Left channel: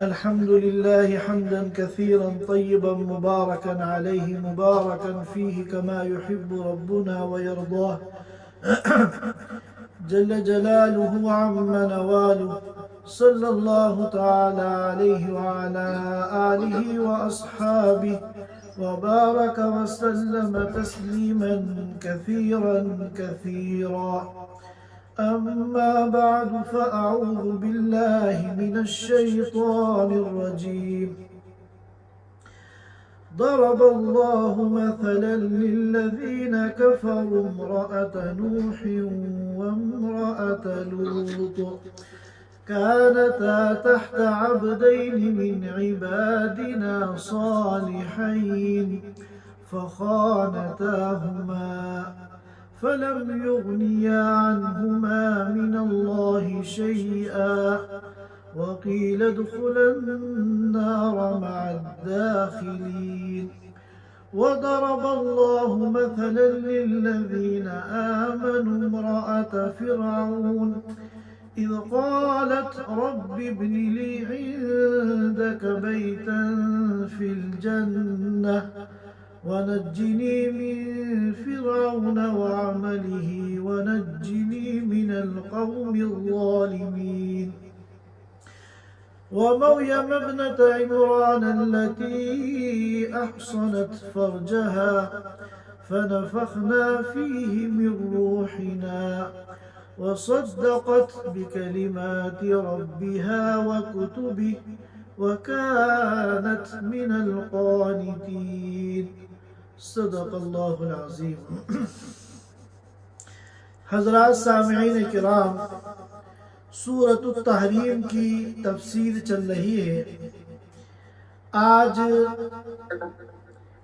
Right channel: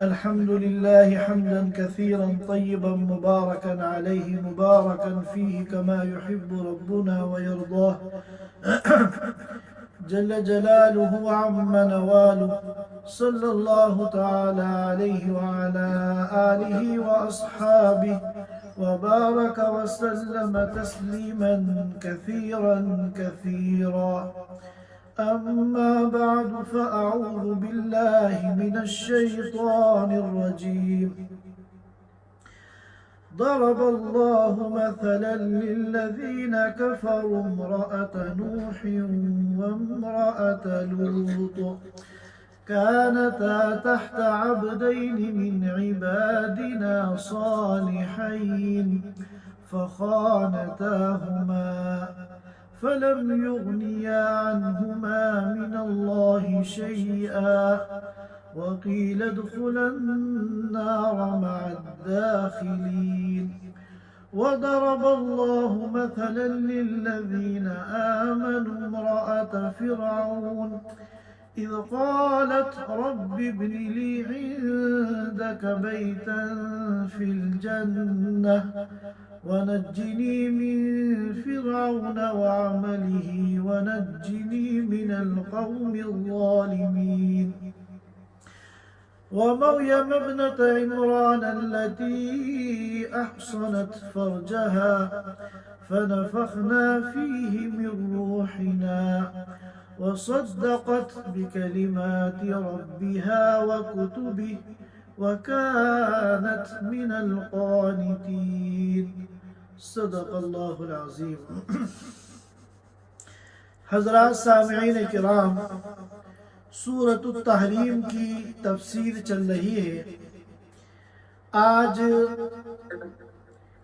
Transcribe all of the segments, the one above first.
الحمد لله حمدا كثيرا طيبا مباركا عليه مباركا فيه كما يحب ربنا ويرضاه جل جلاله عم نواله صلى الله تعالى عليه وعلى آله وأصحابه وبارك وسلم تسليما كثيرا أما بعد فأعوذ بالله من الشيطان الرجيم ضرب الله مثلا للذين كفروا امرأة نوح وامرأة لوط كانتا تحت عبدين من عبادنا صالحين فخانتاهما فلم يغنيا عنهما من الله شيئا وقيل ادخلا النار مع الداخلين وضرب الله مثلا للذين آمنوا امرأة فرعون إذ قالت رب ابن لي عندك بيتا في الجنة ونجني من فرعون وعمله ونجني من القوم الظالمين ومريم ابنة عمران التي أحصنت فرجها فنفخنا فيه من روحنا وصدقت بكلمات ربها وكتبه وكانت من القانتين صدق اللہ العظیم۔ حضرات سامعین کرام، سورۃ التحریم کی تفسیر چل رہی ہے۔ آج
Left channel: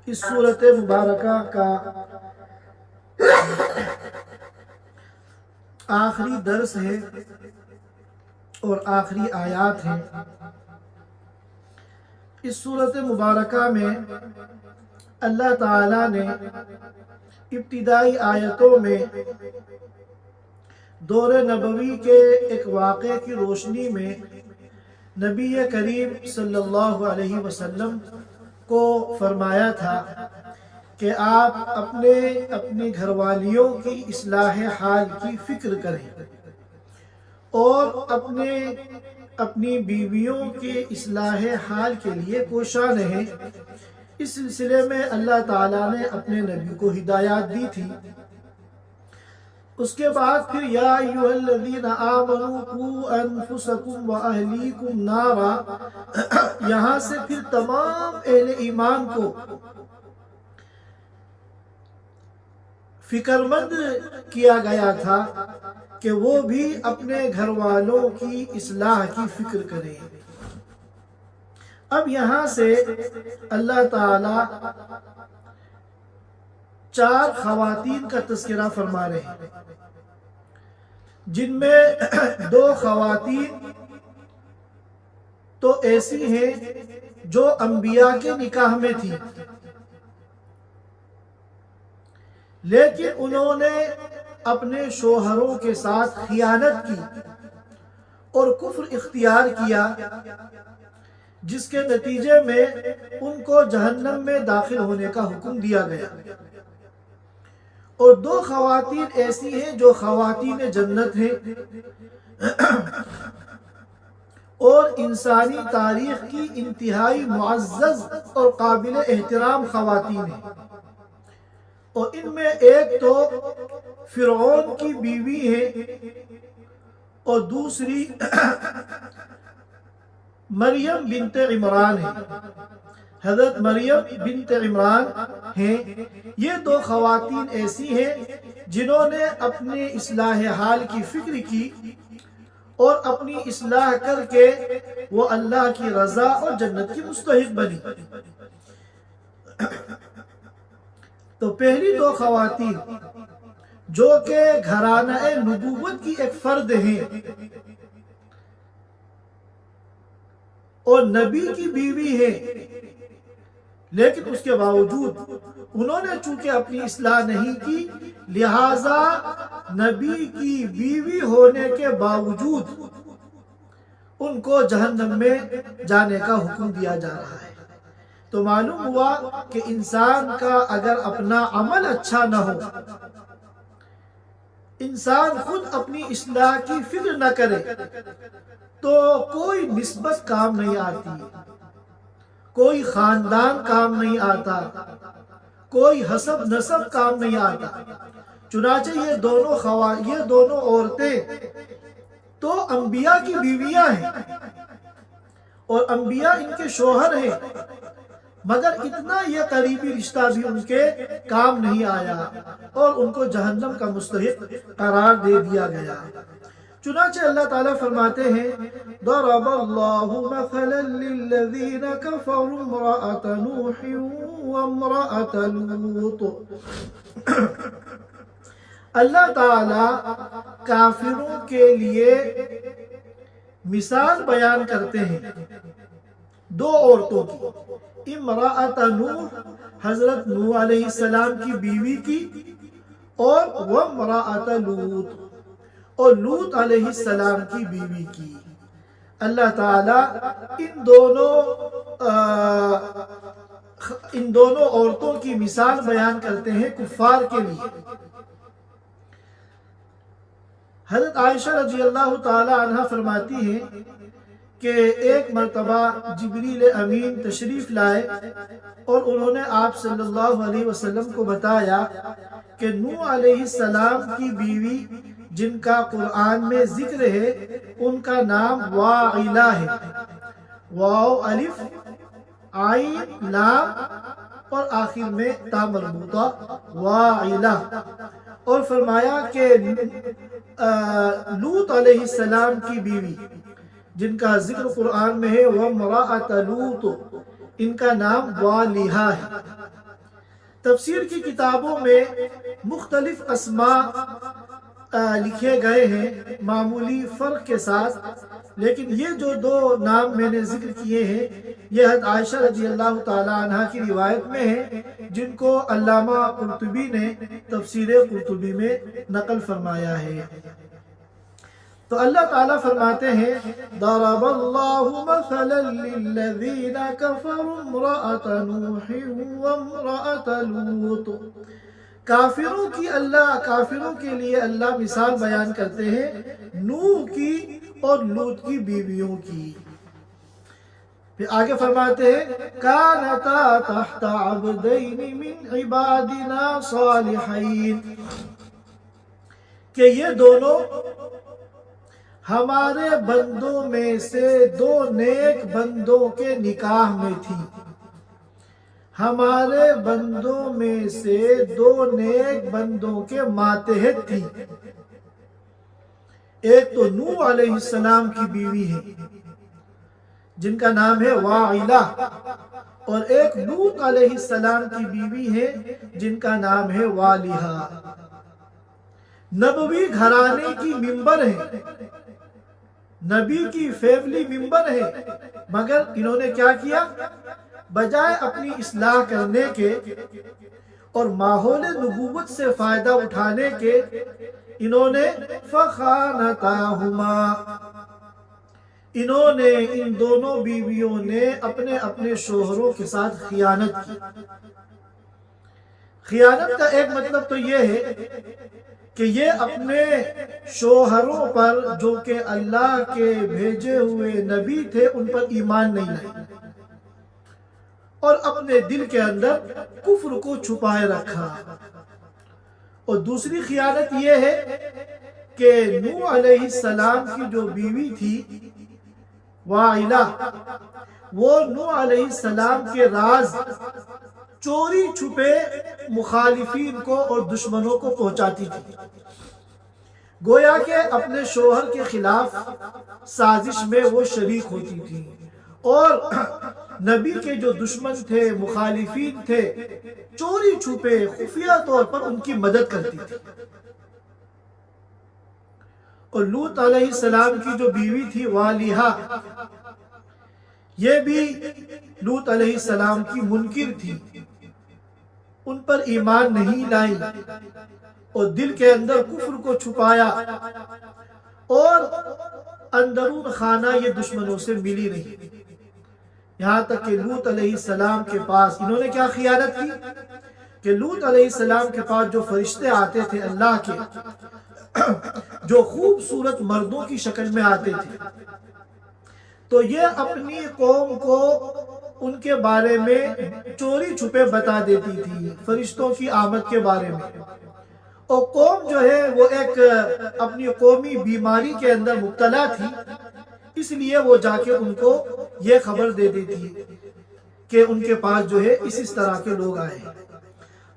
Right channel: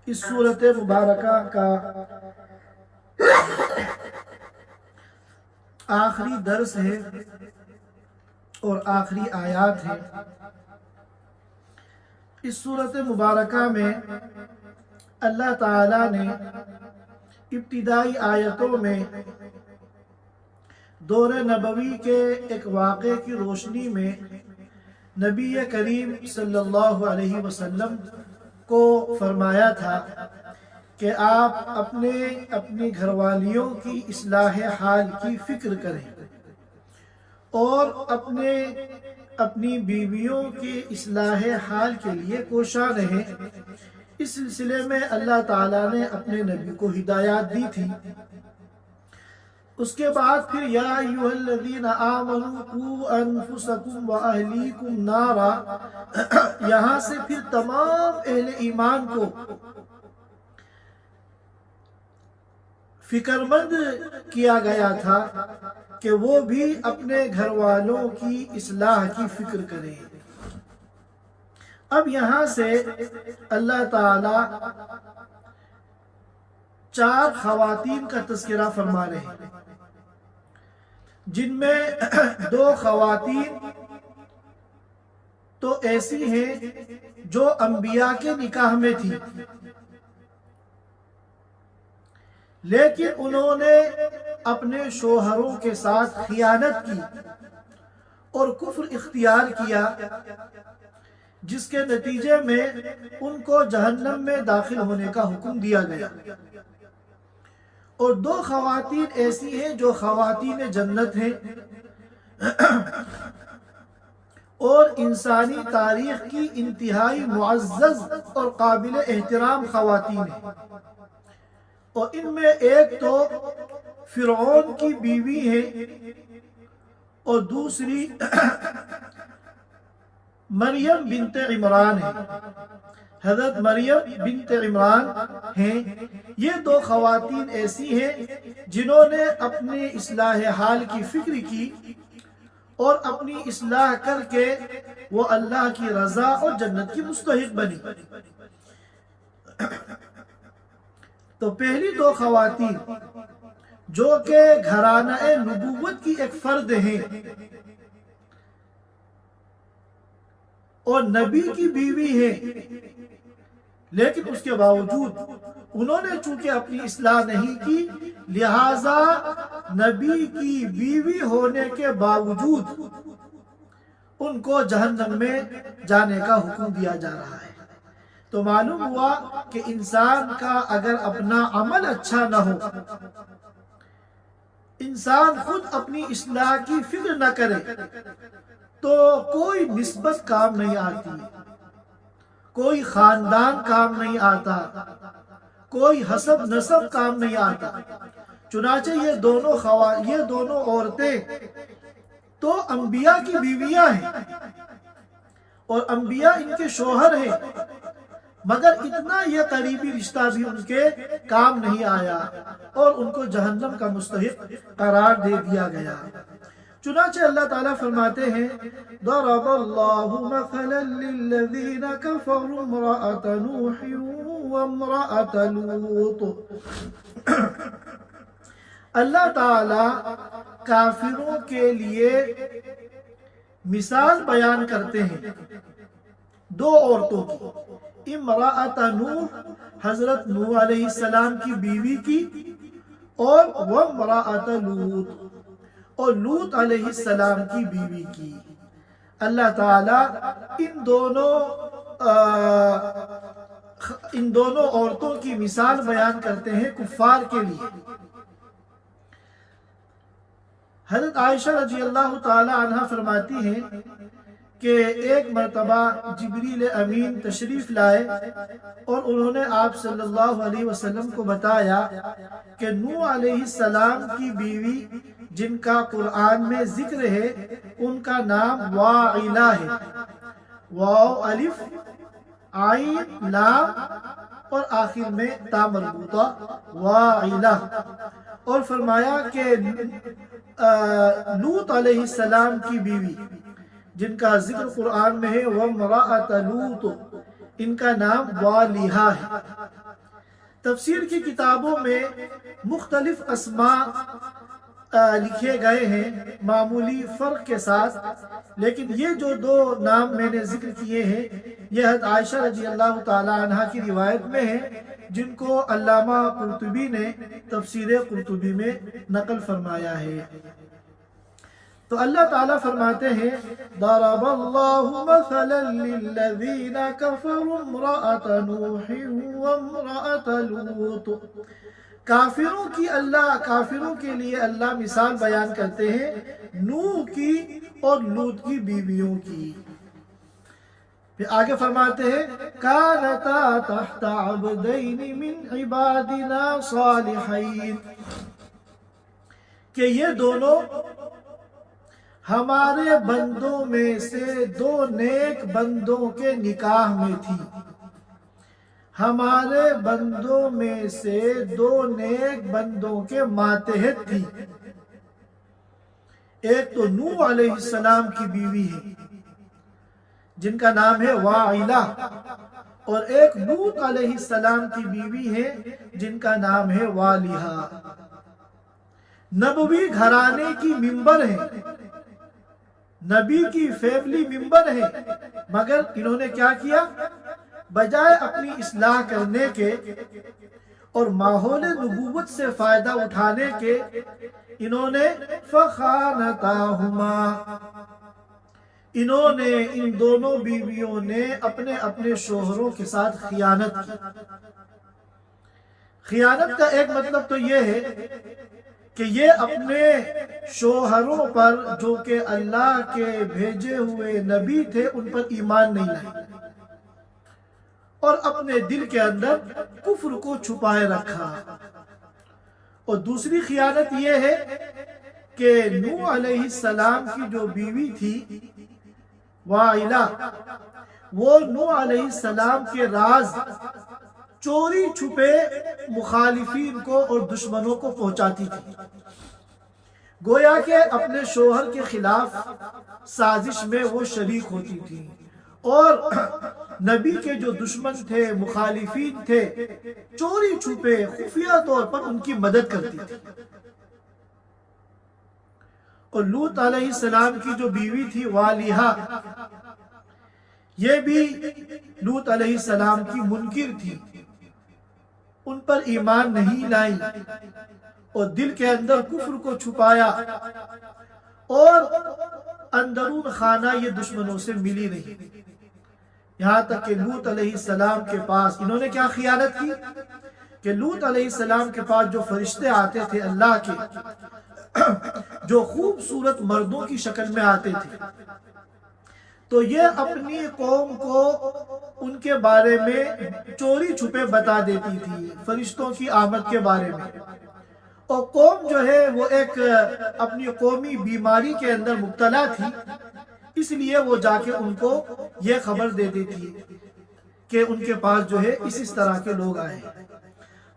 اس سورۃ مبارکہ کا آخری درس ہے اور آخری آیات ہیں۔ اس سورۃ مبارکہ میں اللہ تعالیٰ نے ابتدائی آیتوں میں دور نبوی کے ایک واقعے کی روشنی میں نبی کریم صلی اللہ علیہ وسلم کو فرمایا تھا کہ آپ اپنی گھر والیوں کی اصلاح حال کی فکر کریں اور اپنی بیویوں کے اصلاح حال کے لیے کوشاں رہیں۔ اس سلسلے میں اللہ تعالیٰ نے اپنے نبی کو ہدایات دی تھی۔ اس کے بعد پھر یا ایھا الذین آمنوا قوا انفسکم واہلیکم نارا، یہاں سے پھر تمام اہل ایمان کو فکر مند کیا گیا تھا کہ وہ بھی اپنے گھر والوں کی اصلاح کی فکر کریں۔ اب یہاں سے اللہ تعالی 4 خواتین کا تذکرہ فرما رہے ہیں، جن میں 2 خواتین تو ایسی ہیں جو انبیاء کے نکاح میں تھی، لیکن انہوں نے اپنے شوہروں کے ساتھ خیانت کی اور کفر اختیار کیا، جس کے نتیجے میں ان کو جہنم میں داخل ہونے کا حکم دیا گیا۔ اور 2 خواتین ایسی ہیں جو خواتین جنت ہیں اور انسانی تاریخ کی انتہائی معزز اور قابل احترام خواتین ہیں، اور ان میں ایک تو فرعون کی بیوی ہے اور دوسری مریم بنت عمران ہے، حضرت مریم بنت عمران ہیں۔ یہ 2 خواتین ایسی ہیں جنہوں نے اپنی اصلاح حال کی فکر کی اور اپنی اصلاح کر کے وہ اللہ کی رضا اور جنت کی مستحق بنی۔ تو پہلی 2 خواتین جو کہ گھرانہ نبوت کی ایک فرد ہیں اور نبی کی بیوی ہے، لیکن اس کے باوجود انہوں نے چونکہ اپنی اصلاح نہیں کی، لہذا نبی کی بیوی ہونے کے باوجود ان کو جہنم میں جانے کا حکم دیا جا رہا ہے۔ تو معلوم ہوا کہ انسان کا اگر اپنا عمل اچھا نہ ہو، انسان خود اپنی اصلاح کی فکر نہ کرے، تو کوئی نسبت کام نہیں آتی، کوئی خاندان کام نہیں آتا، کوئی حسب نسب کام نہیں آتا۔ چنانچہ یہ دونوں عورتیں تو انبیاء کی بیویاں ہیں اور انبیاء ان کے شوہر ہیں، مگر اتنا یہ قریبی رشتہ بھی ان کے کام نہیں آیا اور ان کو جہنم کا مستحق قرار دے دیا گیا۔ چنانچہ اللہ تعالیٰ فرماتے ہیں ضرب اللہ مثلا للذین کفروا امرأة نوح وامرأة لوط۔ اللہ تعالیٰ کافروں کے لیے مثال بیان کرتے ہیں دو عورتوں کی، امرأۃ نوح حضرت نوح علیہ السلام کی بیوی کی، اور وامرأۃ لوط اور لوط علیہ السلام کی بیوی کی۔ اللہ تعالیٰ ان دونوں عورتوں کی مثال بیان کرتے ہیں کفار کے لیے۔ حضرت عائشہ رضی اللہ تعالی عنہ فرماتی ہیں کہ ایک مرتبہ جبریل امین تشریف لائے اور انہوں نے آپ صلی اللہ علیہ وسلم کو بتایا کہ نوح علیہ السلام کی بیوی جن کا قرآن میں ذکر ہے ان کا نام واعلہ ہے، واو الف عین لام اور آخر میں تا مربوطہ واعلہ، اور فرمایا کہ لوط علیہ السلام کی بیوی جن کا ذکر قرآن میں ہے وامرأۃ لوط، ان کا نام والیہا ہے۔ تفسیر کی کتابوں میں مختلف اسماء لکھے گئے ہیں معمولی فرق کے ساتھ، لیکن یہ جو دو نام میں نے ذکر کیے ہیں یہ حضرت عائشہ رضی اللہ تعالی عنہ کی روایت میں ہیں، جن کو علامہ قرطبی نے تفسیر قرطبی میں نقل فرمایا ہے۔ تو اللہ تعالیٰ فرماتے ہیں ضرب اللہ مثلا للذین کفروا امرأۃ نوح وامرأۃ لوط۔ کافروں کے لیے اللہ مثال بیان کرتے ہیں نوح کی اور لوط کی بیویوں کی۔ پھر آگے فرماتے ہیں کانتا تحت عبدین من عبادنا صالحین، کہ یہ دونوں ہمارے بندوں میں سے دو نیک بندوں کے نکاح میں تھی، ہمارے بندوں میں سے دو نیک بندوں کے ماتحت تھی۔ ایک تو نوح علیہ السلام کی بیوی ہے جن کا نام ہے واعلہ، اور ایک لوط علیہ السلام کی بیوی ہے جن کا نام ہے والیہا۔ نبوی گھرانے کی ممبر ہے، نبی کی فیملی ممبر ہے، مگر انہوں نے کیا کیا؟ بجائے اپنی اصلاح کرنے کے اور ماحول نبوت سے فائدہ اٹھانے کے، انہوں نے فخانتاہما، انہوں نے ان دونوں بیویوں نے اپنے شوہروں کے ساتھ خیانت کی۔ خیانت کا ایک مطلب تو یہ ہے کہ یہ اپنے شوہروں پر جو کہ اللہ کے بھیجے ہوئے نبی تھے ان پر ایمان نہیں لائے اور اپنے دل کے اندر کفر کو چھپائے رکھا۔ اور دوسری خیانت یہ ہے کہ نوح علیہ السلام کی جو بیوی تھی واعلہ، وہ نوح علیہ السلام کے راز چوری چھپے مخالفین کو اور دشمنوں کو پہنچاتی تھی، گویا کہ اپنے شوہر کے خلاف سازش میں وہ شریک ہوتی تھی، اور نبی کے جو دشمن تھے، مخالفین تھے، چوری چھپے خفیہ طور پر ان کی مدد کرتی تھی۔ اور لوط علیہ السلام کی جو بیوی تھی والیہا، یہ بھی لوط علیہ السلام کی منکر تھی، ان پر ایمان نہیں لائی اور دل کے اندر کفر کو چھپایا، اور اندرون خانہ یہ دشمنوں سے ملی نہیں، یہاں تک کہ لوط علیہ السلام کے پاس انہوں نے کیا خیانت کی کہ لوط علیہ السلام کے پاس جو فرشتے آتے تھے اللہ کے، جو خوبصورت مردوں کی شکل میں آتے تھے، تو یہ اپنی قوم کو ان کے بارے میں چوری چھپے بتا دیتی تھی فرشتوں کی آمد کے بارے میں، اور قوم جو ہے وہ ایک اپنی قومی بیماری کے اندر مبتلا تھی، اس لیے وہ جا کے ان کو یہ خبر دے دیتی کہ ان کے پاس جو ہے اس طرح کے لوگ آئے ہیں۔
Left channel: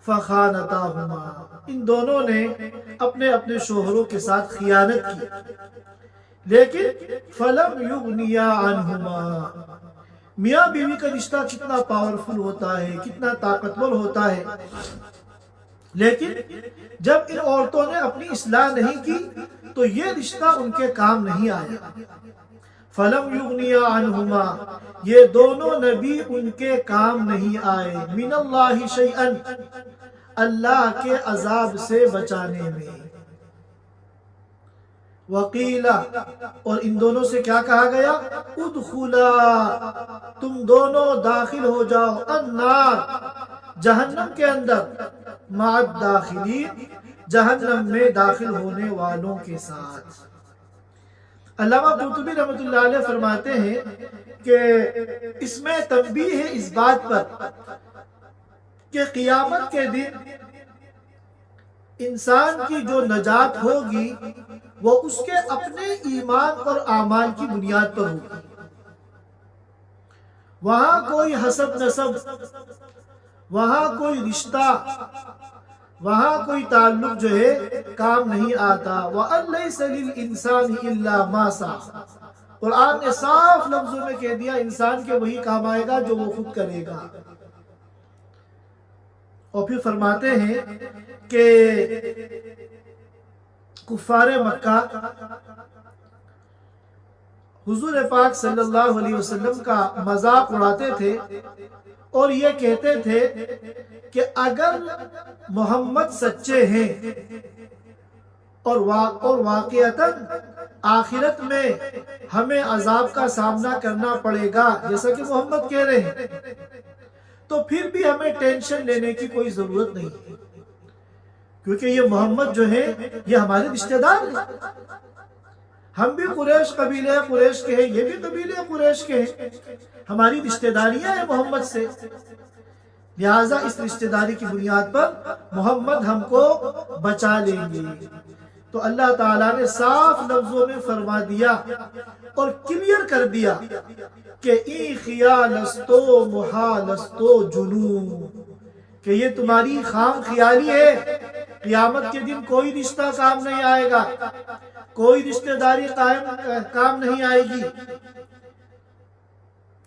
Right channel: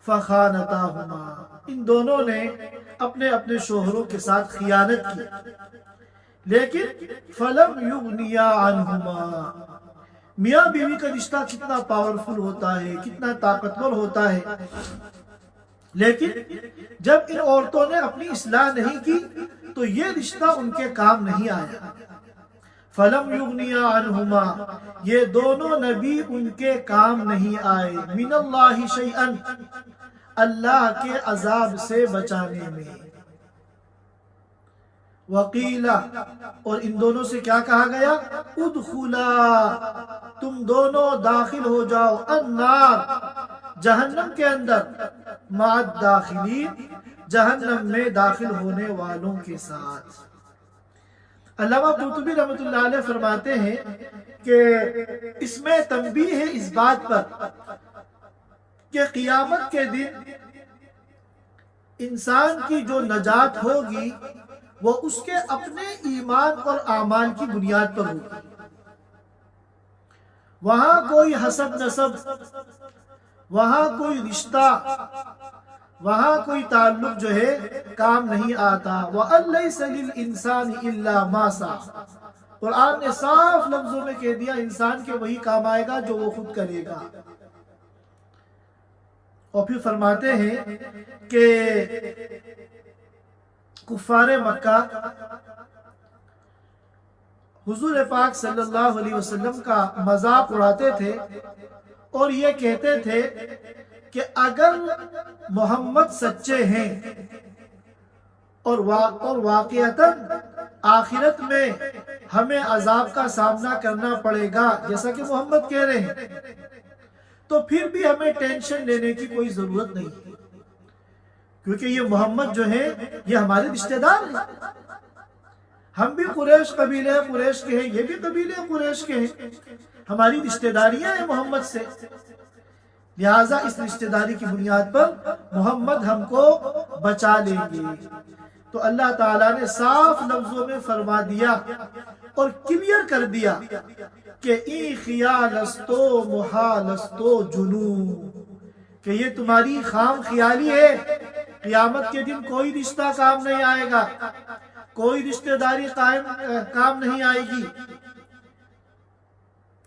فَخَانَتَاهُمَا، ان دونوں نے اپنے اپنے شوہروں کے ساتھ خیانت کی، لیکن فَلَمْ يُغْنِيَا عَنْهُمَا، میاں بیوی کا رشتہ کتنا پاورفل ہوتا ہے، کتنا طاقتور ہوتا ہے، لیکن جب ان عورتوں نے اپنی اصلاح نہیں کی تو یہ رشتہ ان کے کام نہیں آیا۔ فَلَمْ يُغْنِيَا عَنْهُمَا، یہ دونوں نبی ان کے کام نہیں آئے، مِنَ اللَّهِ شَيْئًا، اللہ کے عذاب سے بچانے میں۔ وَقِيلَ، اور ان دونوں سے کیا کہا گیا، اُدْخُلَا، تم دونوں داخل ہو جاؤ، النار، جہنم کے اندر، مع الداخلین، جہنم میں داخل ہونے والوں کے ساتھ۔ علامہ قرطبی رحمۃ اللہ علیہ فرماتے ہیں کہ اس میں تنبیہ ہے اس بات پر کہ قیامت کے دن انسان کی جو نجات ہوگی وہ اس کے اپنے ایمان اور اعمال کی بنیاد پر ہوگی، وہاں کوئی حسب نسب، وہاں کوئی رشتہ، وہاں کوئی تعلق جو ہے کام نہیں آتا۔ وَأَن لَيْسَ لِلْإِنسَانِ إِلَّا مَا سَعَى، قرآن نے صاف لفظوں میں کہہ دیا انسان کے وہی کام آئے گا جو وہ خود کرے گا۔ اور پھر فرماتے ہیں کہ کفار مکہ حضور پاک صلی اللہ علیہ وسلم کا مذاق اڑاتے تھے اور یہ کہتے تھے کہ اگر محمد سچے ہیں اور واقعتاً آخرت میں ہمیں عذاب کا سامنا کرنا پڑے گا جیسا کہ محمد کہہ رہے ہیں، تو پھر بھی ہمیں ٹینشن لینے کی کوئی ضرورت نہیں ہے، کیونکہ یہ محمد جو ہیں یہ ہمارے رشتہ دار ہیں، ہم بھی قریش قبیلے قریش کے ہیں، یہ بھی قبیلے قریش کے ہیں، ہماری رشتہ داریاں ہیں محمد سے، لہٰذا اس رشتہ داری کی بنیاد پر محمد ہم کو بچا لیں گے۔ تو اللہ تعالیٰ نے صاف لفظوں میں فرما دیا اور کلیئر کر دیا کہ ای خیالستو محالستو جنون، کہ یہ تمہاری خام خیالی ہے، قیامت کے دن کوئی رشتہ کام نہیں آئے گا، کوئی رشتہ داری کام نہیں آئے گی۔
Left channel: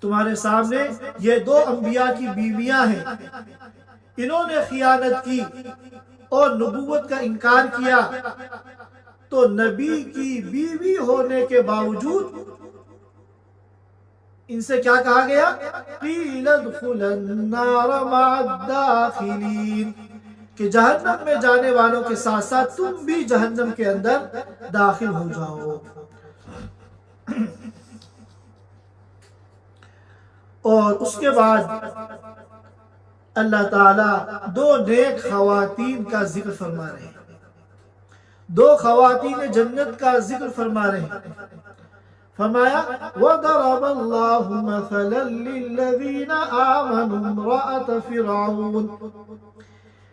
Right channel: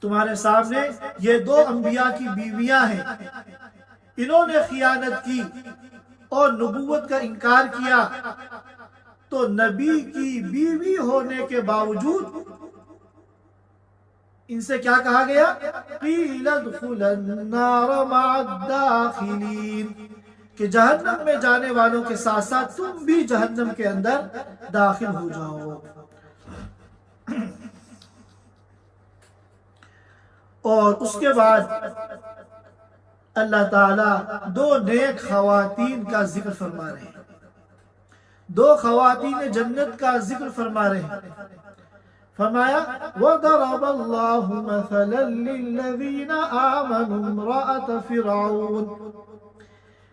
تمہارے سامنے یہ دو انبیاء کی بیویاں ہیں، انہوں نے خیانت کی اور نبوت کا انکار کیا، تو نبی کی بیوی ہونے کے باوجود ان سے کیا کہا گیا، قیل ادخل النار مع الداخلین، کہ جہنم میں جانے والوں کے ساتھ ساتھ تم بھی جہنم کے اندر داخل ہو جاؤ۔ اور اس کے بعد اللہ تعالیٰ دو نیک خواتین کا ذکر فرما رہے ہیں، دو خواتین جنت کا ذکر فرما رہے ہیں۔ فرمایا وَضَرَبَ اللَّهُ مَثَلًا لِّلَّذِينَ آمَنُوا امْرَأَتَ فِرْعَوْنَ،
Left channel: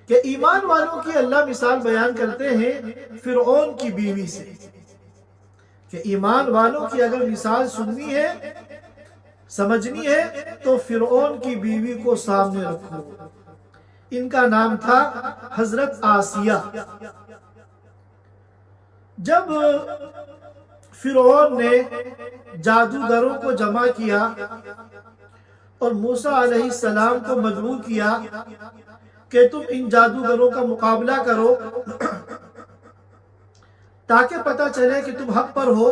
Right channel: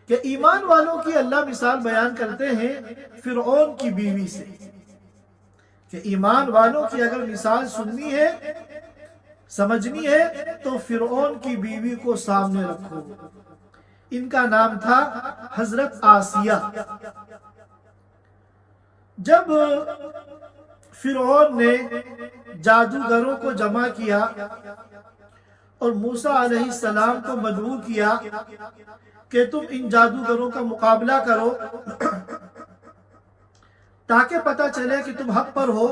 کہ ایمان والوں کی اللہ مثال بیان کرتے ہیں فرعون کی بیوی سے، کہ ایمان والوں کی اگر مثال سننی ہے، سمجھنی ہے، تو فرعون کی بیوی کو سامنے رکھو۔ ان کا نام تھا حضرت آسیہ۔ جب فرعون نے جادوگروں کو جمع کیا اور موسیٰ علیہ السلام کو مدعو کیا کہ تم ان جادوگروں کا مقابلہ کرو تاکہ پتہ چلے کہ تم حق پر ہو،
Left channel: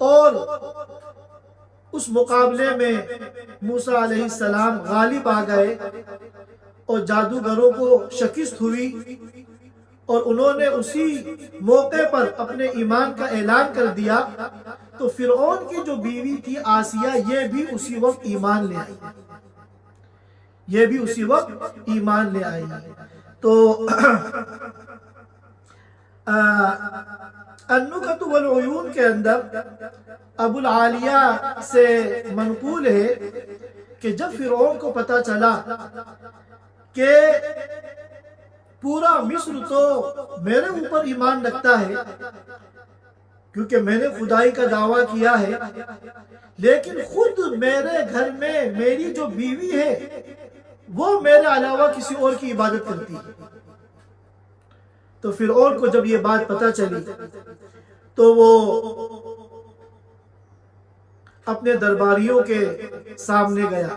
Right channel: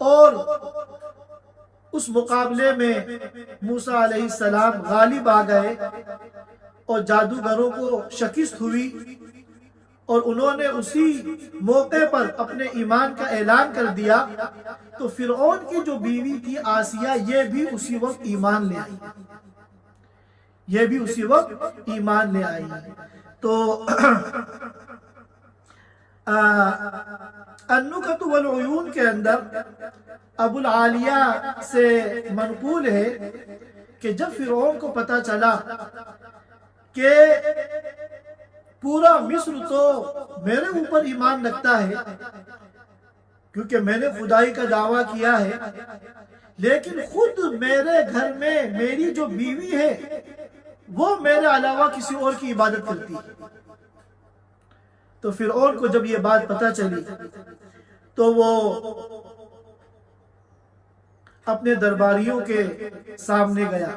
اور اس مقابلے میں موسیٰ علیہ السلام غالب آ گئے اور جادوگروں کو شکست ہوئی اور انہوں نے اسی موقع پر اپنے ایمان کا اعلان کر دیا تو فرعون کی جو بیوی تھی آسیہ یہ بھی اسی وقت ایمان لے آئی، یہ بھی اسی وقت ایمان لے آئی۔ تو النکت والعیون کے اندر ابو العالیہ سے منقول ہے کہ جب فرعون کو پتا چلا کہ پورا مصر تو میرے اوپر ایمان رکھتا ہے کیونکہ میں نے خدائی کا دعویٰ کیا ہے، لیکن خود میرے گھر میں میری جو بیوی ہے وہ میرے علاوہ کسی اور کی عبادت کرتی ہے، تو فرعون کو جب یہ بات پتہ چلی تو وہ اپنے درباریوں کے سامنے گیا،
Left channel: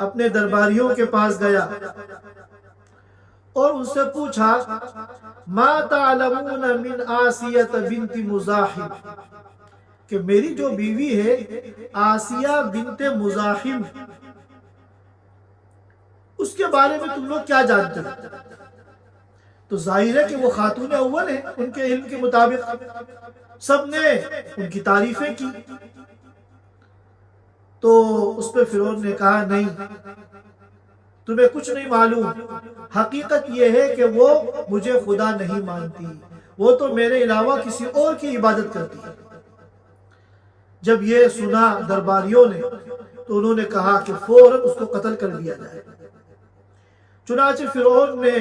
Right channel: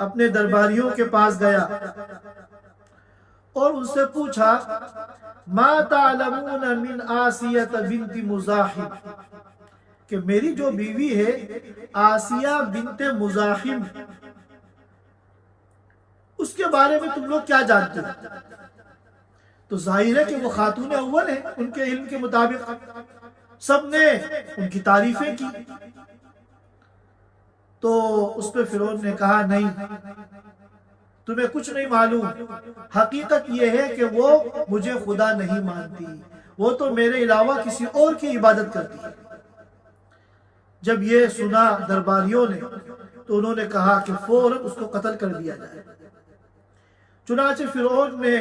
اپنے درباریوں کے پاس گیا اور ان سے پوچھا ما تعلمون من آسیہ بنت مزاحم، کہ میری جو بیوی ہے آسیہ بنت مزاحم اس کے بارے میں تم لوگ کیا جانتے ہو؟ تو ظاہر ہے کہ وہ خاتون اول ہے، ان کے علم کے مطابق سب نے ان کی تعریفیں کی۔ تو اس پہ فرعون نے کہا نہیں، تمہیں کچھ نہیں معلوم، حقیقت یہ ہے کہ وہ مجھے خدا نہیں مانتی، وہ تو میرے علاوہ کسی اور کی عبادت کرتی ہے۔ جب یہ سنا درباریوں نے تو انہوں نے کہا کہ فوراً اس کو قتل کر دیا جائے۔ چنانچہ فرعون نے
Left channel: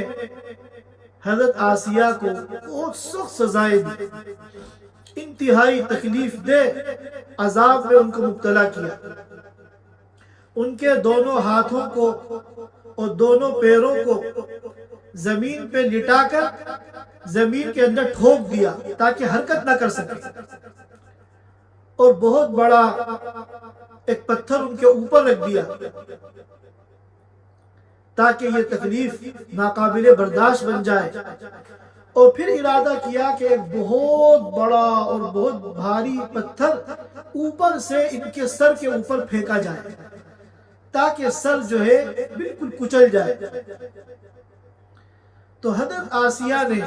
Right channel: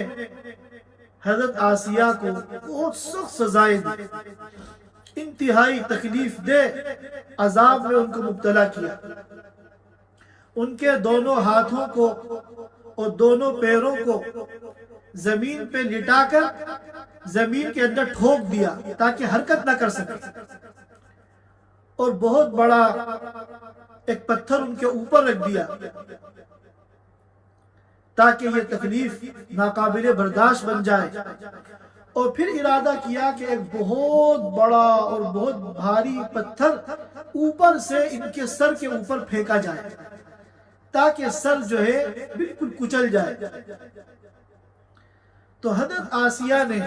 حضرت آسیہ کو بہت سخت سزائیں دی، انتہائی تکلیف دہ عذاب میں ان کو مبتلا کیا، ان کے دونوں ہاتھوں کو اور دونوں پیروں کو زمین پہ لٹا کر زمین کے اندر ٹھوک دیا تاکہ حرکت نہ کر سکے، اور بہت بڑا ایک پتھر ان کے اوپر رکھ دیا تاکہ یہ تکلیف ناقابل برداشت بن جائے، اور پھر ارادہ کیا کہ ایک بہت بڑا اور بہت بھاری پتھر اوپر سے ان کے سر کے اوپر پھینکا جائے تاکہ سر جو ہے بالکل کچل جائے۔ تو حضرت آسیہ نے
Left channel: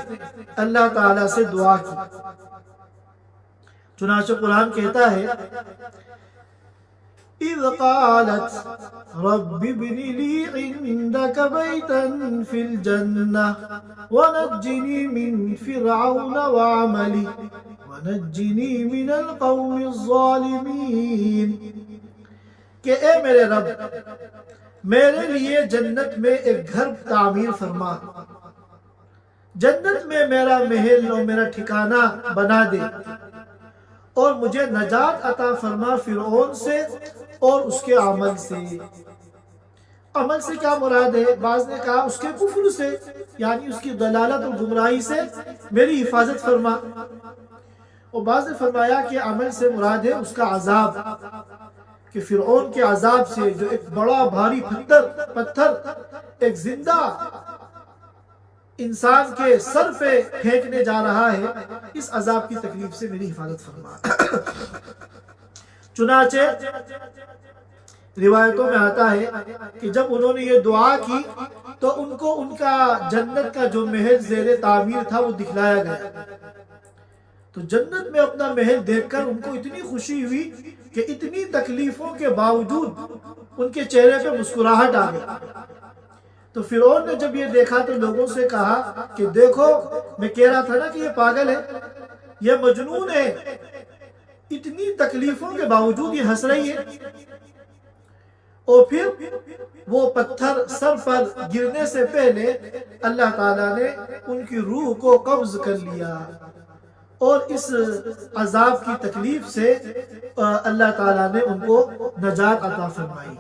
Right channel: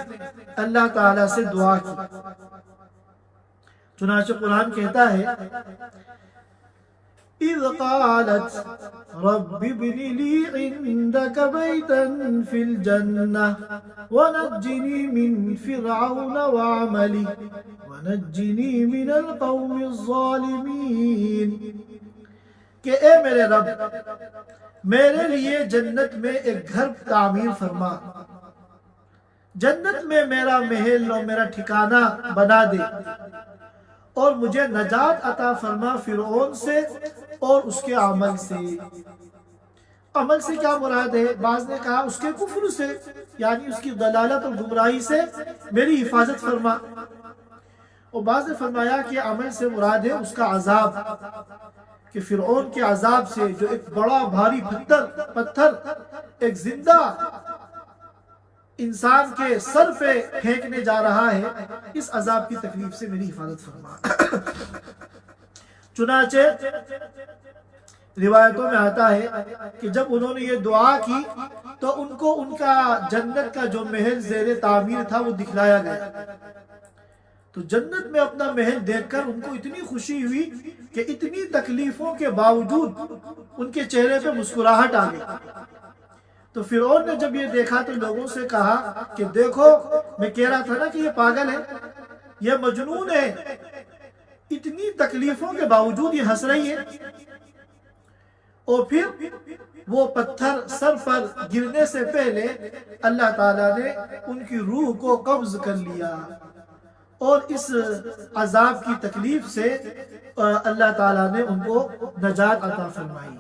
اللہ تعالیٰ سے دعا کی، چنانچہ قرآن کہتا ہے اِذْ قَالَتْ رَبِّ ابْنِ لِي عِندَكَ بَيْتًا فِي الْجَنَّةِ وَنَجِّنِي مِنْ فِرْعَوْنَ وَعَمَلِهِ وَنَجِّنِي مِنَ الْقَوْمِ الظَّالِمِينَ، کہ اے میرے رب میرے لیے جنت میں ایک گھر تعمیر فرما، جنت میں میرا محل اور میرا ٹھکانہ بنا دے، اور مجھے نجات عطا فرما فرعون سے اور اس کے عمل سے۔ عمل سے کیا مراد ہے؟ بعض نے کہا اس کے کفر سے، یعنی اس کی ضلالت اور گمراہی سے میری حفاظت فرما، اور بعض نے فرمایا کہ عمل سے مراد ہے اس کا عذاب، کہ فرعون کے عذاب سے جو ایک بڑا بھاری پتھر ایک زندہ انسان کے سر پہ پھینکنے جا رہا ہے، اس عذاب کی تکلیف سے میری حفاظت فرما۔ چنانچہ روایتوں میں آتا ہے کہ جب انہوں نے یہ دعا کی تو ان کو ان کا جنت کا جو محل زیر تعمیر تھا وہ دکھلایا گیا، تو جنت میں اپنا محل دیکھ کر ان کو اتنی خوشی ہوئی کہ اتنی تکلیفوں کے باوجود ان کے چہرے پہ مسکراہٹ آ گئی۔ تو فرعون نے جب یہ دیکھا تو لوگوں سے کہا کہ دیکھو میں کہہ رہا تھا نا کہ یہ پاگل ہے، یہ مجنون ہے، اتنی تکلیفوں کے باوجود یہ ہنس رہی ہے۔ اور پھر وہ پتھر سر پر گرنے سے پہلے اللہ تعالیٰ نے ان کی روح کو قبض کر لیا، اور اس عذاب کی تکلیف سے اللہ تعالیٰ نے ان کو نجات عطا فرمائی۔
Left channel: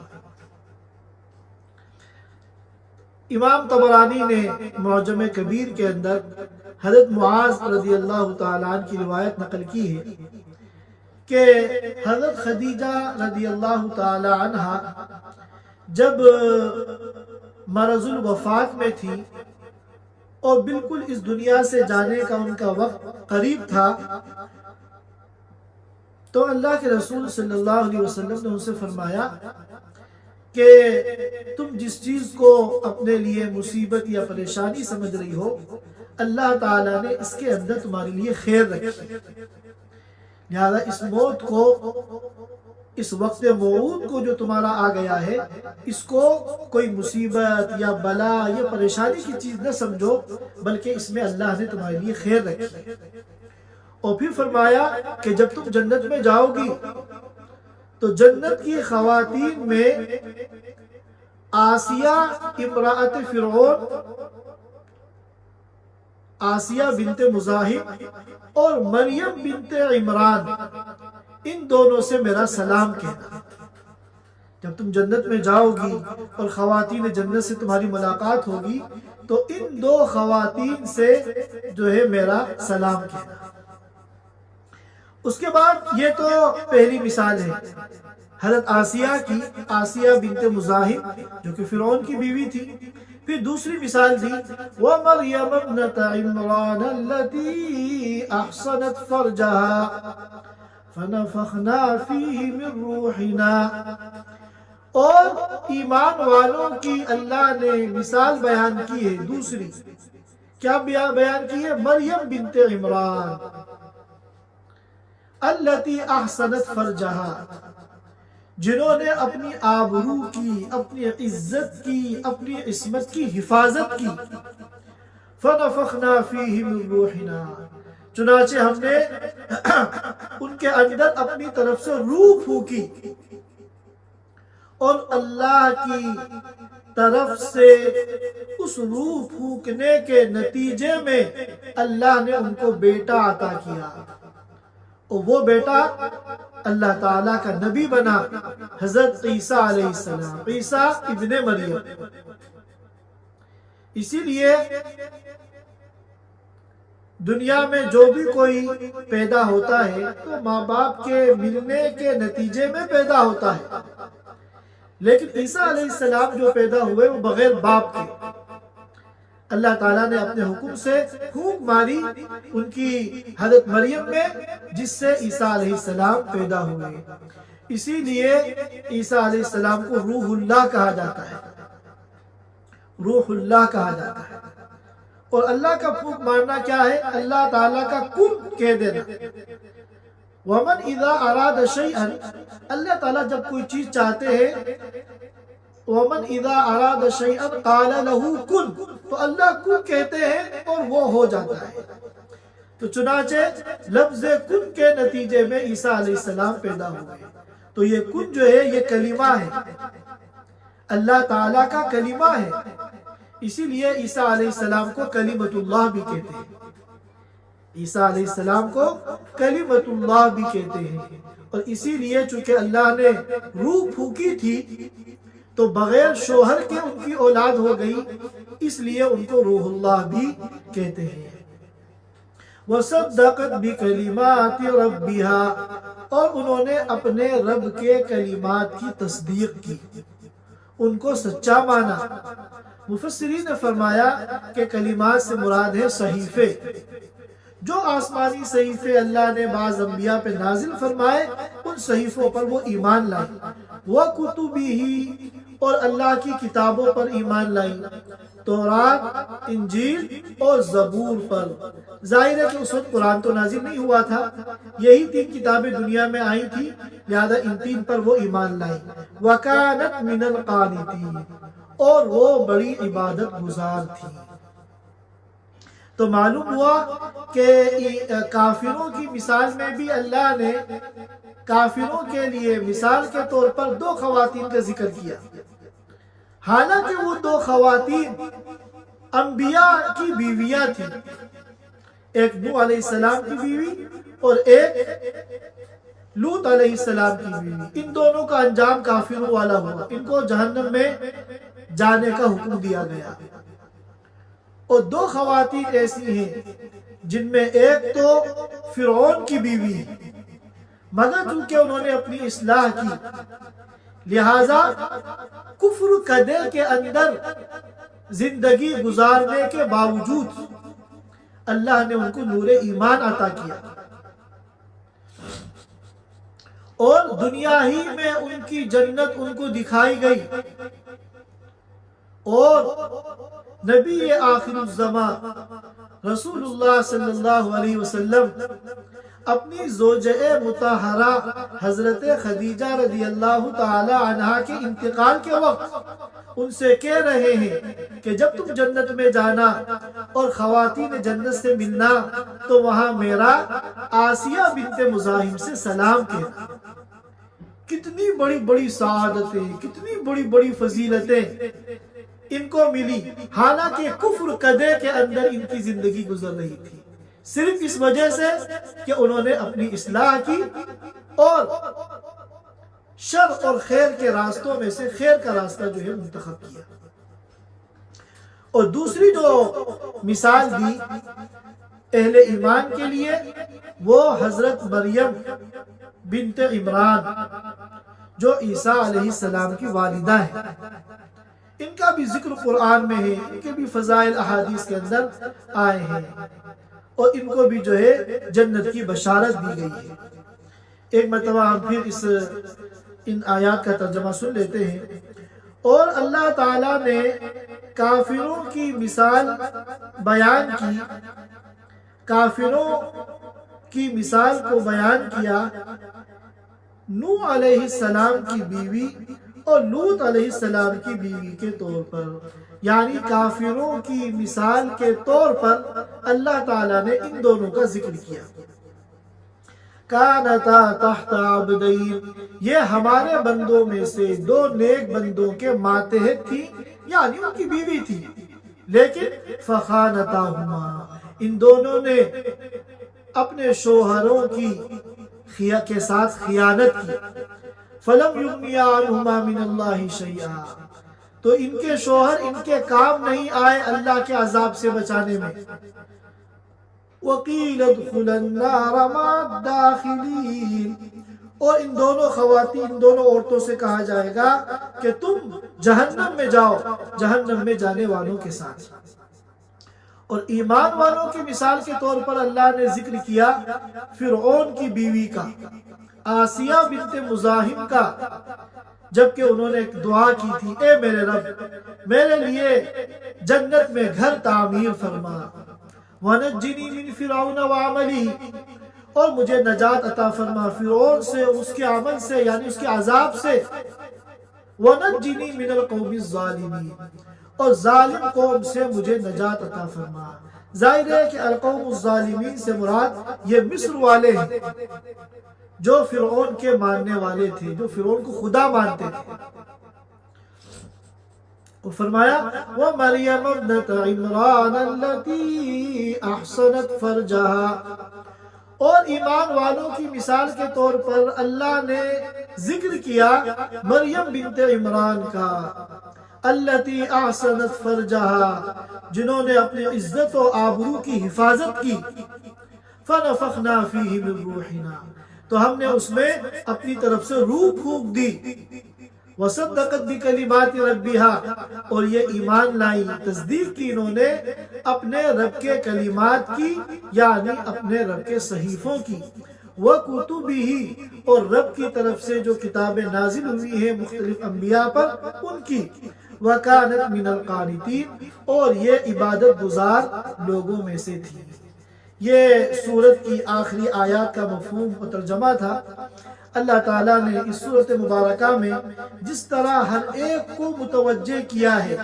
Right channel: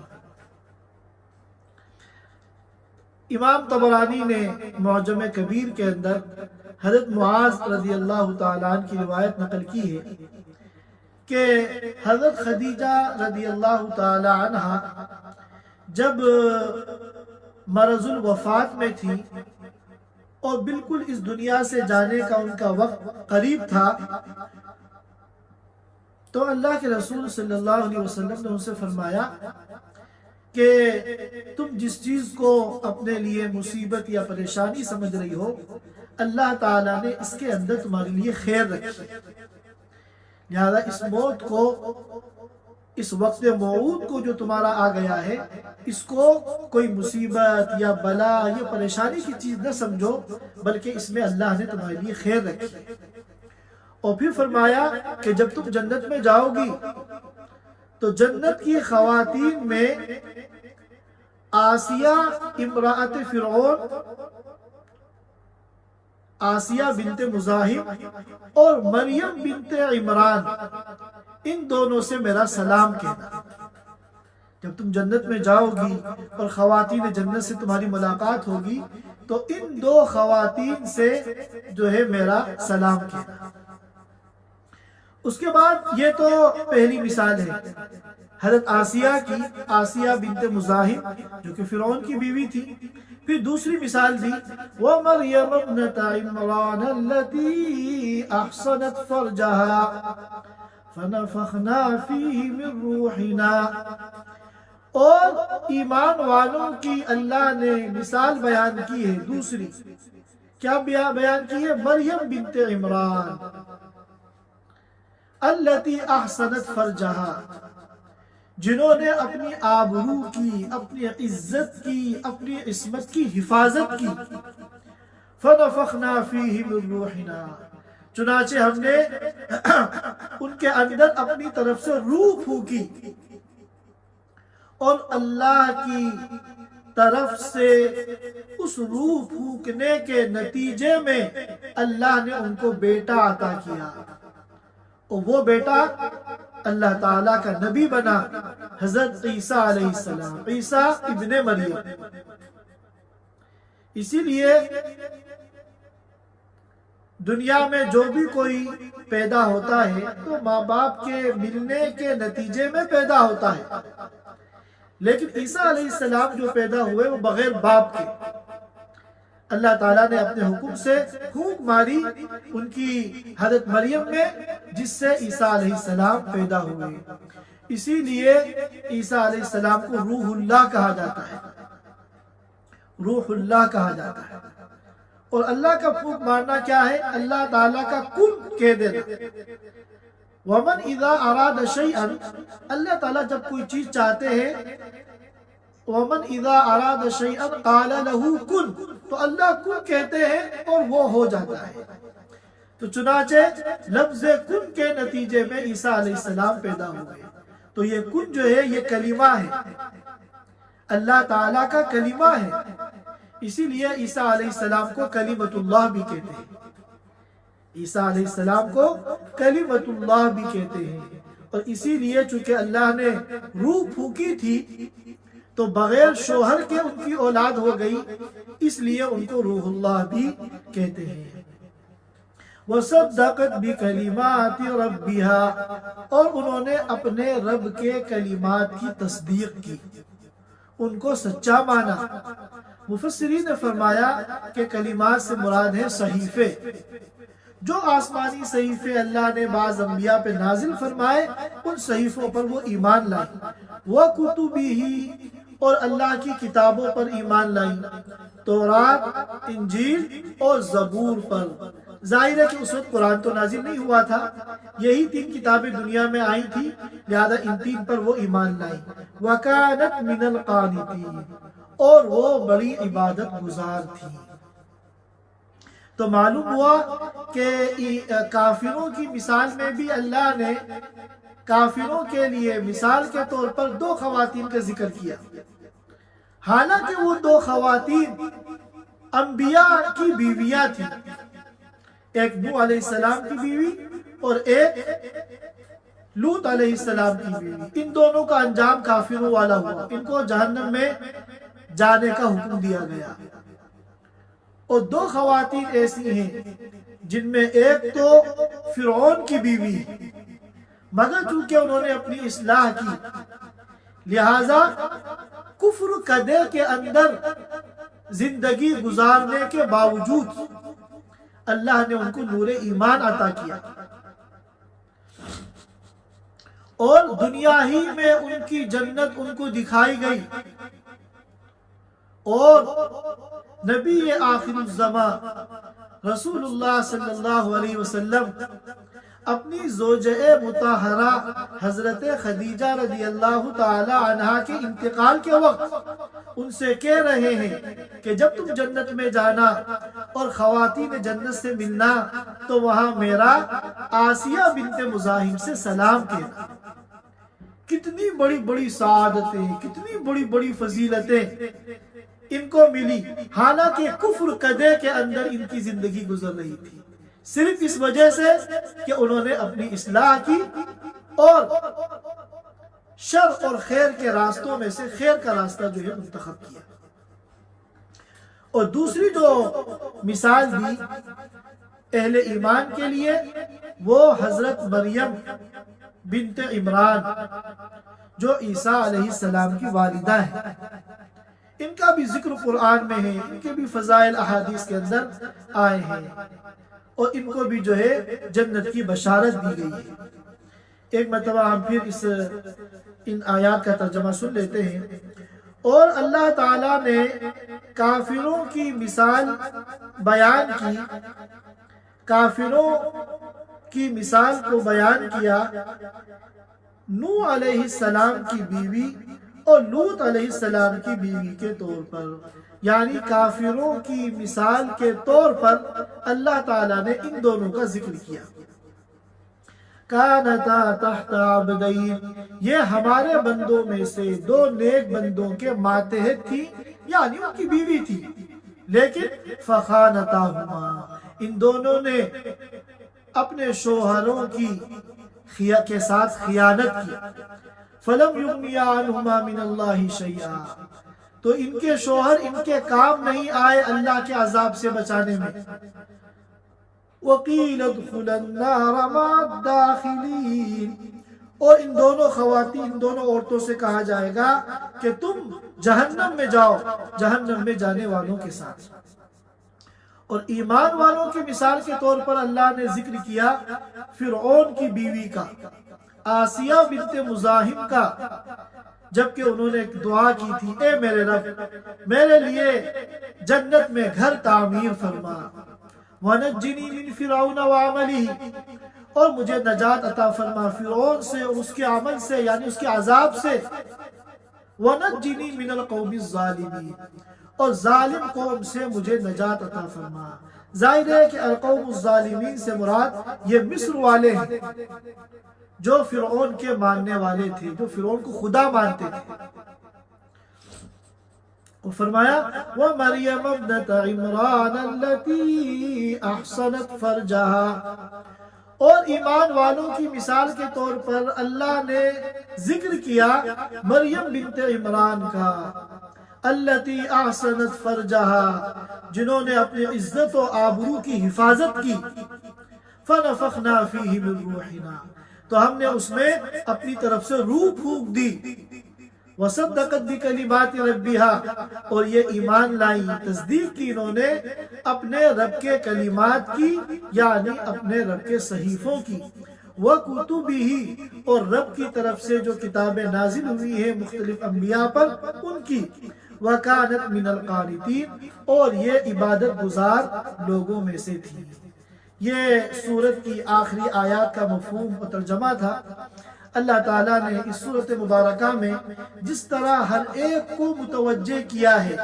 امام طبرانی نے معجم کبیر کے اندر حضرت معاذ رضی اللہ تعالیٰ عنہ کی روایت نقل کی ہے کہ حضرت خدیجہ رضی اللہ تعالیٰ عنہ جب مرض الوفات میں تھی اور بالکل اس دنیا سے جانے کا ان کا وقت قریب تھا، تو اللہ کے رسول صلی اللہ علیہ وسلم نے ان سے فرمایا کہ تم جس چیز کو اپنے لیے مصیبت یا پریشانی سمجھ رہی ہو، اللہ تعالیٰ نے اس کے اندر تمہارے لیے خیر رکھی ہے، لہذا اس موت کو، اس وقت موعود کو جو تمہارا آ گیا ہے، اس کو کوئی مصیبت یا بلا یا پریشانی کی چیز نہ سمجھو، بلکہ اس میں اللہ نے تمہارے لیے خیر رکھی ہے۔ اور پھر فرمایا کہ جب تم جنت میں جاؤ گی تو جنت کی خواتین میں آسیہ امرأت فرعون، آسیہ بنت مزاحم اور مریم بنت عمران، ان دونوں سے میرا سلام کہنا۔ جب تم جنت میں جاؤ گی اور خواتین جنت سے تمہاری ملاقات ہوگی تو ان دو خواتین سے جو ہے میرا سلام کہنا۔ اس کے بعد یہ تو پہلی مثال ہے حضرت آسیہ کی، آسیہ بنت مزاحم جو کہ فرعون کی بیوی تھی۔ پھر دوسری مثال دی وَمَرْيَمَ ابْنَتَ عِمْرَانَ الَّتِي أَحْصَنَتْ فَرْجَهَا فَنَفَخْنَا فِيهِ مِنْ رُوحِنَا، اور ایمان والوں کی اللہ نے مثال بیان کی ہے دوسری، کیا بیان کی ہے؟ مریم بنت عمران الَّتِي أَحْصَنَتْ فَرْجَهَا، جنہوں نے اپنی آبرو کی، اپنی عزت کی، اپنی عصمت کی حفاظت کی۔ فَنَفَخْنَا فِيهِ مِنْ رُوحِنَا، چنانچہ ہم نے ان کے اندر اپنی طرف سے روح پھونکی، اور اللہ کی طرف سے اس روح پھونکنے کے نتیجے میں اللہ نے ان کو بیٹا عطا کیا، اور وہ بیٹا اللہ تعالیٰ کا نبی بنا، حضرت عیسیٰ علیہ السلام، عیسیٰ ابن مریم۔ اسی لیے دنیا میں جو بھی کوئی پیدا ہوتا ہے تو ماں باپ کے ملنے کے نتیجے میں پیدا ہوتا ہے، لیکن عیسیٰ علیہ السلام جو پیدا ہوئے وہ بغیر باپ کے، اللہ تعالیٰ نے اپنے حکم سے پھونک ماری ان کی حضرت مریم میں، جس سے عیسیٰ علیہ السلام پیدا ہوئے۔ اسی لیے عیسیٰ علیہ السلام کو روح اللہ کہا جاتا ہے، روح اللہ کہا جاتا ہے۔ اور اللہ کا پھونک مارنا کیا ہے؟ اللہ تعالیٰ کا کن کہہ دینا۔ وَمَنْ إِذَا أَرَادَ شَيْئًا، اللہ تعالیٰ جب کوئی چیز چاہتے ہیں، وَمَنْ إِذَا أَرَادَ شَيْئًا قَالَ لَهُ كُن، تو اللہ کن کہتے ہیں اور وہ ہو جاتا ہے۔ تو چنانچہ لفظ کن کے نتیجے میں عیسیٰ علیہ السلام پیدا ہوئے۔ تو یہ کن جو ہے یہ کلمہ ہے، اللہ تعالیٰ کا کلمہ ہے، اسی لیے عیسیٰ علیہ السلام کو کلمۃ اللہ بھی کہتے ہیں، عیسیٰ علیہ السلام کو کلمۃ اللہ بھی کہتے ہیں۔ اور اسی لیے چونکہ اللہ نے روح پھونکی تھی تو بغیر شوہر کے ان کی اولاد ہو گئی، اس لیے ان کو روح اللہ بھی کہتے ہیں۔ وَصَدَّقَتْ بِكَلِمَاتِ رَبِّهَا، اور انہوں نے اپنے رب کے کلمات کی تصدیق کی، ان کو سچا مانا۔ مفسرین نے فرمایا کہ کلمات سے مراد ہے صحیفے، جو آسمانی صحیفے اللہ نے بعض انبیاء پہ نازل فرمائے، ان صحیفوں پر وہ ایمان لائیں۔ وَكُتُبِهِ، اور اللہ کی کتابوں پر ایمان لائیں، تورات، انجیل اور زبور پر۔ ظاہر ہے کہ اس وقت قرآن تو نازل نہیں ہوا تھا، یہی 3 کتابیں دنیا میں آئی تھی، لہذا ان 3 پر وہ ایمان لائیں۔ وَكَانَتْ مِنَ الْقَانِتِينَ، اور وہ بڑی عبادت گزار تھی۔ تو معلوم ہوا کہ کافروں کی مثال میں بھی اللہ نے کافروں کے لیے مثال کے طور پر 2 خواتین کا ذکر کیا، حالانکہ وہ 2 خواتین انبیاء کی بیویاں تھیں، ایک نوح علیہ السلام کی بیوی اور ایک لوط علیہ السلام کی بیوی۔ ان دونوں کا انجام کافروں والا ہوا، ان کو جہنم میں جانے کا حکم دیا گیا۔ اور 2 خواتین ایسی ہیں جن میں ایک تو فرعون کی بیوی ہے، مگر چونکہ انہوں نے اپنی اصلاح کی، لہذا کفر کدے کے اندر زندگی گزارنے کے باوجود اللہ نے ان کو نور ایمان عطا کیا، اور دنیا ہی میں ان کی جنت ان کو دکھائی گئی، اور نبی آخر الزمان رسول اللہ صلی اللہ علیہ وسلم اپنی زوجہ مطہرہ حضرت خدیجہ رضی اللہ تعالی عنہا کے انتقال کے وقت ان سے کہہ رہے ہیں کہ جب تم جنت میں جانا اور خواتین جنت سے ملنا تو وہاں میرا آسیہ بنت مزاحم سے سلام کہنا۔ کتنی بڑی بڑی سعادتیں، کتنی بڑی بڑی فضیلتیں ان کو ملی، حالانکہ کفر قدے کے اندر ان کی زندگی گزر رہی تھی، صرف اس وجہ سے کہ انہوں نے اپنی اصلاح کی اور شر اور خیر کے راستوں میں سے خیر کا راستہ جو ہے منتخب کیا۔ اور دوسری جو مثال دی اہل ایمان کے لیے وہ حضرت مریم بنت عمران جو عیسیٰ علیہ السلام کی والدہ ہے، ان کا بھی ذکر قرآن میں ہے، ان کے بھی فضائل احادیث کے اندر آئے ہیں اور ان کو بھی جو ہے جنت کی بشارت دی گئی ہے۔ ایک مرتبہ ہم پھر ان آیات کا ترجمہ سن لیتے ہیں۔ اور اللہ تعالیٰ نے کافروں کی مثال بیان کی، کافروں کی مثال کو بیان کیا نوح علیہ السلام کی بیوی اور لوط علیہ السلام کی بیوی کے طور پر، یعنی کافروں کی مثال کے طور پر اللہ تعالیٰ نے ان دونوں کا ذکر کیا۔ کانتا تحت عبدین، یہ ہمارے بندوں میں سے دو نیک بندوں کے ماتحت تھی، یعنی ان کی بیوی تھی، لیکن فخانتاہما، ان دونوں نے اپنے شوہروں کے ساتھ خیانت کی۔ فلم یغنیا عنہما من اللہ شیئا، تو ان کے شوہر ان کے کام نہیں آئے اللہ کے عذاب سے بچانے میں۔ وَقِيلَ ادْخُلَ النَّارَ مَعَ الدَّاخِلِينَ، اور ان دونوں خواتین، ان دونوں عورتوں سے کہا جائے گا کہ تم جہنم میں جاؤ، جہنم میں جانے والوں کے ساتھ۔ اور ایمان والوں کی مثال کے طور پر اللہ نے ذکر کیا فرعون کی بیوی کا، آسیہ بنت مزاحم کا، جبکہ انہوں نے ایک دعا کی تھی، اے میرے رب میرے لیے جنت میں گھر تعمیر فرما، وَنَجِّنِي مِن فِرْعَوْنَ وَعَمَلِهِ، اور مجھے نجات عطا فرما فرعون سے اور اس کے عمل سے، یعنی اس کے عذاب سے، وَنَجِّنِي مِنَ الْقَوْمِ الظَّالِمِينَ، اور ظالم قوم سے مجھے نجات عطا فرما۔ ظاہر ہے کہ القوم الظالمین سے مراد یہ مصر والے ہیں جو فرعون کے ماننے والے تھے، جو فرعون کو خدا مانتے تھے۔ اور فرمایا وَمَرْيَمَ ابْنَتَ عِمْرَانَ الَّتِي أَحْصَنَتْ فَرْجَهَا، اور ایمان والوں کی مثال کے طور پر اللہ نے ذکر کیا مریم بنت عمران کا، الَّتِي أَحْصَنَتْ فَرْجَهَا، جنہوں نے اپنی عزت و آبرو کی حفاظت کی، فَنَفَخْنَا فِيهِ مِن رُوحِنَا، تو ہم نے اس میں اپنی طرف سے روح پھونک دی، وَصَدَّقَتْ بِكَلِمَاتِ رَبِّهَا، اور یہ ایمان لائی، تصدیق کی انہوں نے اپنے رب کے کلمات کی، یعنی اپنے رب کے صحیفوں کی، وَكُتُبِهِ، اور رب کی طرف سے جو کتابیں نازل ہوئی ہیں مختلف انبیاء پر ان کی، وَكَانَتْ مِنَ الْقَانِتِينَ، اور یہ عبادت گزار لوگوں میں سے تھی۔ یہ سورت کی آخری آیات کا مفہوم و ترجمہ تھا۔ اللہ تعالیٰ نے اس سورت مبارکہ میں جس طرح ہر ایک کو متوجہ کیا ہے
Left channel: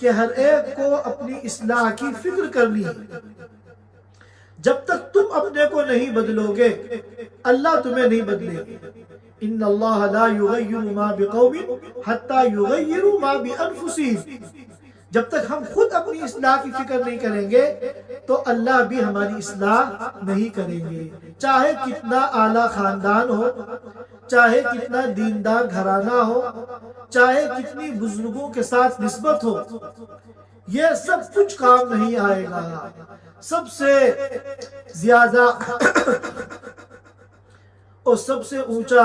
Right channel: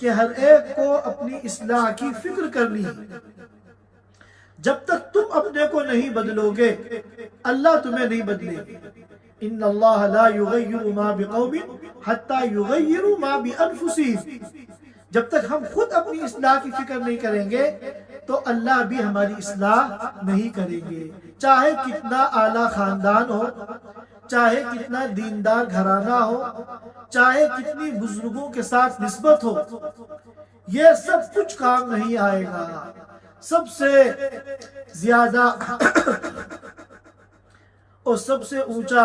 کہ ہر ایک کو اپنی اصلاح کی فکر کرنی ہے، جب تک تم اپنے کو نہیں بدلو گے اللہ تمہیں نہیں بدلے گا۔ ان اللہ لا یغیر ما بقوم حتی یغیروا ما بانفسہم، جب تک ہم خود اپنی اصلاح کی فکر نہیں کریں گے تو اللہ بھی ہماری اصلاح نہیں کریں گے، چاہے کتنا اعلیٰ خاندان ہو، چاہے کتنا دیندار گھرانہ ہو، چاہے کتنی بزرگوں کے ساتھ نسبت ہو، یہ سب کچھ کام نہیں آئے گا۔ سب سے زیادہ اور سب سے اونچا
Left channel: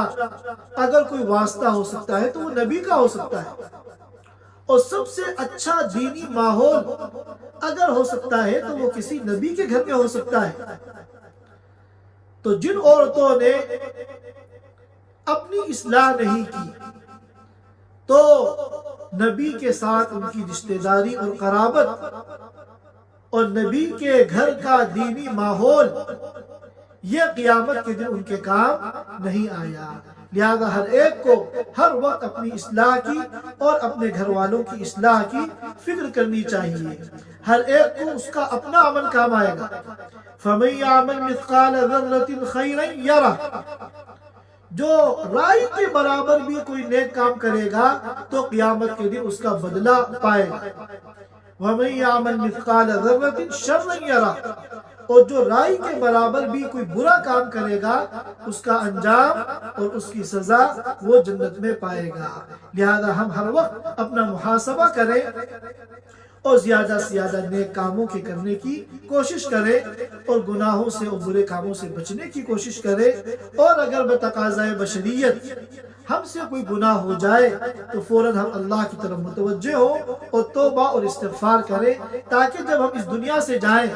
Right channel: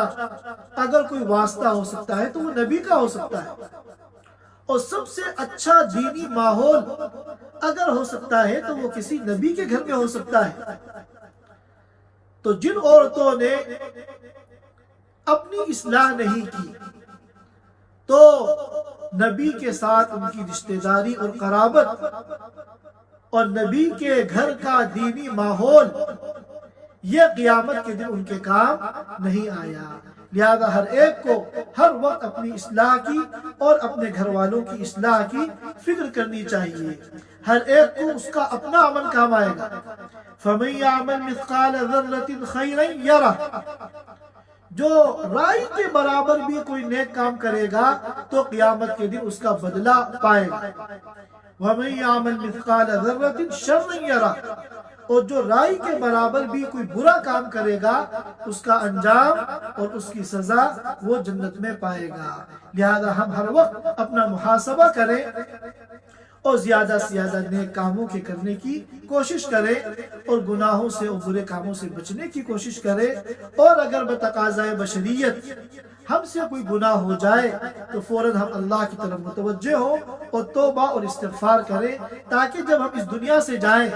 اگر کوئی واسطہ ہو سکتا ہے تو وہ نبی کا ہو سکتا ہے، اور سب سے اچھا دینی ماحول اگر ہو سکتا ہے تو وہ کسی نبی کے گھر میں ہو سکتا ہے۔ تو جن عورتوں نے اپنی اصلاح نہیں کی تو نبی کے ساتھ ان کی رشتہ داری اور قرابت اور نبی کے گھر کا دینی ماحول، یہ قیامت کے دن ان کے کام نہیں آیا۔ لہذا ہر ایک کو ہر وقت اپنی اصلاح کی اور اپنے گھر والوں کی اصلاح کی فکر کرنی چاہیے۔ ہر ایک کو اس کا اپنا عمل کام آئے گا۔ فَمَن يَعْمَلْ مِثْقَالَ ذَرَّةٍ خَيْرًا يَرَهُ، جو رائی کے برابر بھی کوئی نیک کام کرے گا تو قیامت کے دن اس کا بدلہ پائے گا۔ وَمَن يَعْمَلْ مِثْقَالَ ذَرَّةٍ شَرًّا يَرَهُ، اور جو رائی کے برابر بھی کوئی برا کام کرے گا اس کا انجام اور اس کی سزا وہ جنت میں پائے گا۔ لہذا ہم ہر وقت اپنا محاسبہ کریں اور زیادہ سے زیادہ نیک کاموں کے کرنے کی کوشش کریں اور گناہوں سے اور برے کاموں سے بچنے کی کوشش کریں، اور اگر بتقاضۂ بشریت ہم سے کوئی گناہ ہو جائے تو فوراً ہم اللہ کی طرف متوجہ ہو اور توبہ اور استغفار کریں، تاکہ جب ہم اس دنیا سے جائیں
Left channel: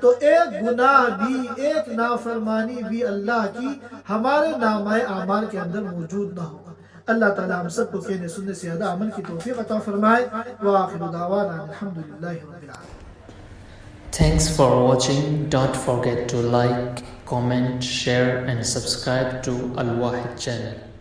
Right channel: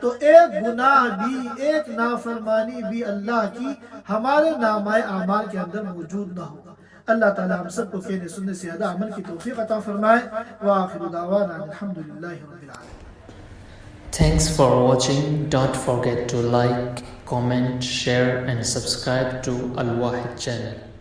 تو ایک گناہ بھی، ایک نافرمانی بھی اللہ کی ہمارے نامہ اعمال کے اندر موجود نہ ہو۔ اللہ تعالی ہم سب کو کہنے سننے سے زیادہ عمل کی توفیق عطا فرمائے۔ وآخر دعوانا الحمدللہ رب العالمین۔ Thanks for watching. Don't forget to like, comment, share and subscribe to Al Wahid channel.